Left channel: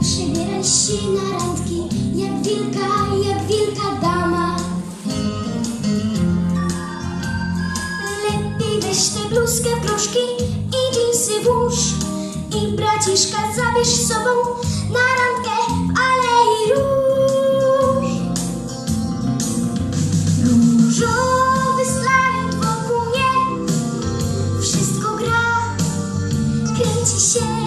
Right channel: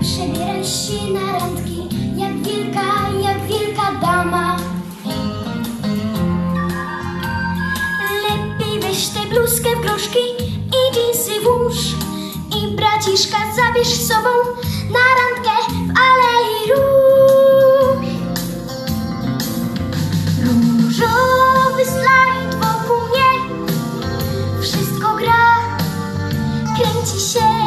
przebieraj się na randki, jak wielka, jak wielka dama. Lepiej weź tę bluzkę w gruszki i dżinsy włóż i braciszka zabierz z sobą na randkę w Alei Róż. Różowy slajd wokół mnie, wszystko gra, kręci się.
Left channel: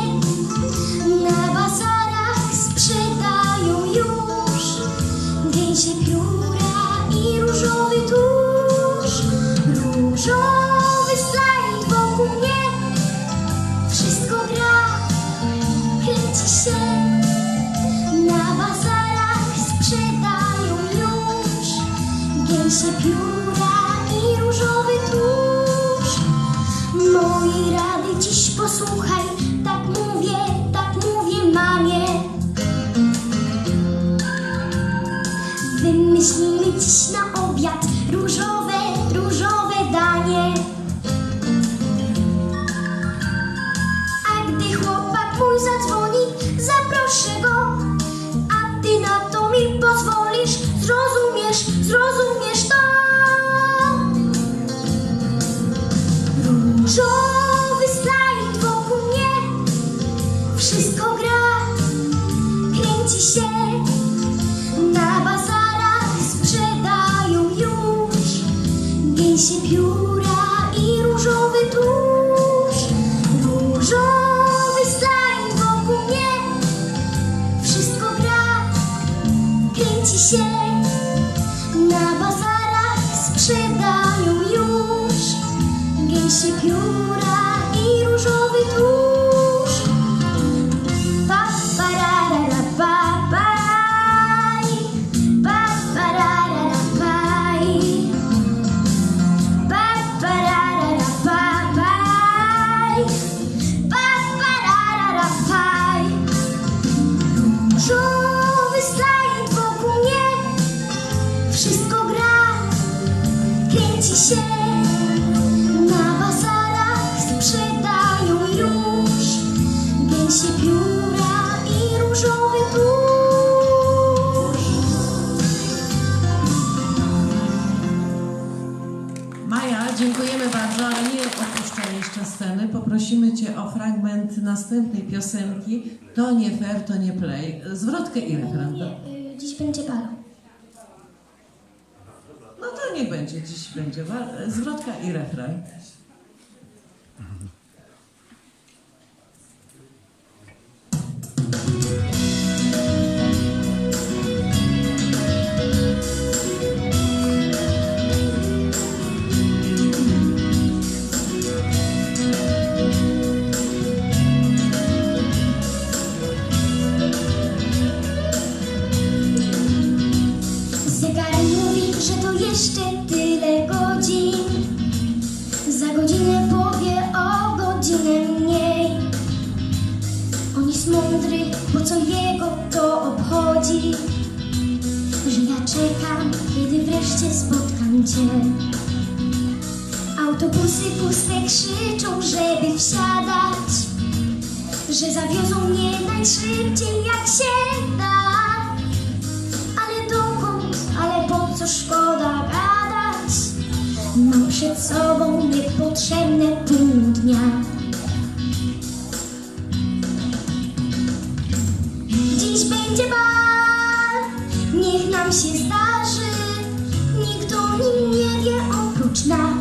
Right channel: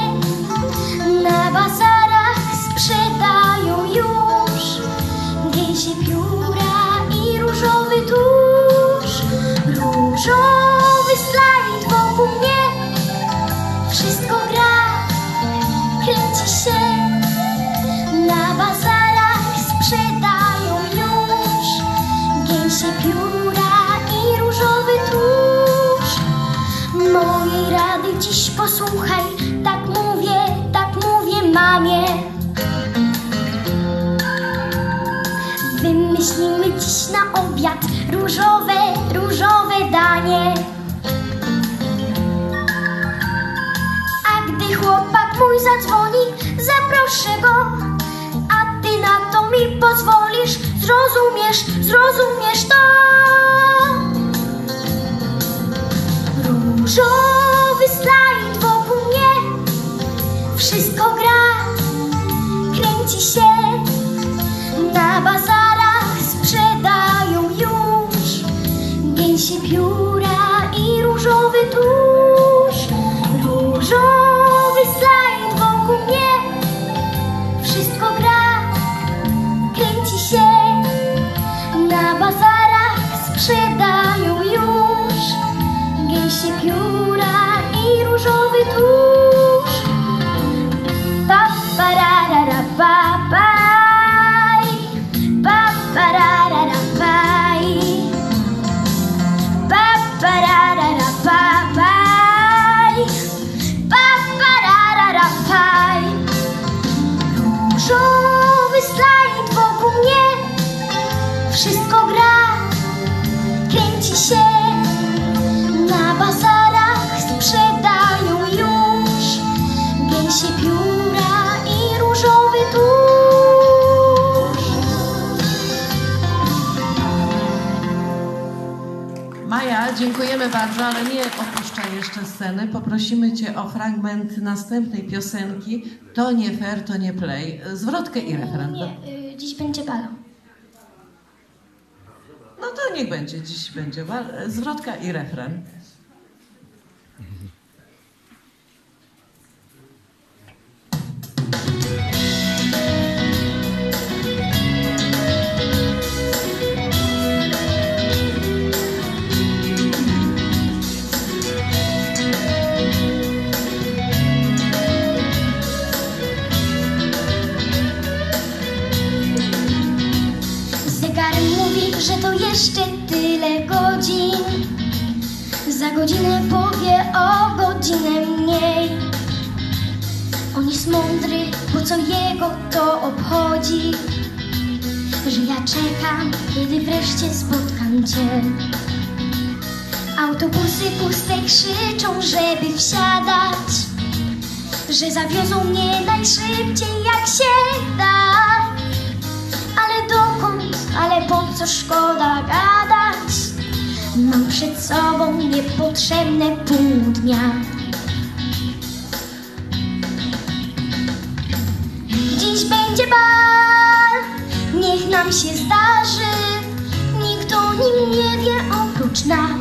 Mamie. Wymyślimy dziś na obiad różowe, różowe danie. A gdy chłopak mój zadzwoni, zaproszę go, a ty na to mi pozwolisz, zrozumiesz, zrozumiesz to. Różowy slajd wokół mnie, wszystko gra, kręci się. Na bazarach sprzedają już gęsie pióra i różowy tusz. Różowy slajd wokół mnie. Wszystko gra, kręci się. Bardzo, ale nie opuszczaj jeszcze sceny. Poprosimy Cię o fragment następnej piosenki. To nie fair, to nie play. Zwrotkę i refren. Nie, y, dziś będzie balo. No to niech będzie, dziś będzie wa- zwrotka i refren. Jeszcze tyle godzin. Za godzinę powie o godzinę mniej. On jest mądry, bo co jego to obchodzi? Że ja czekam, kiedy wreszcie spotkam cię. Autobusy puste krzyczą, żeby wsiadać. Że zawiozą mnie najszybciej jak się da. Co szkoda gadać? Mam przed sobą niepotrzebne pół dnia. Dziś będzie bal, niech nam się zdarzy. Nikt o nim nie wie oprócz nas.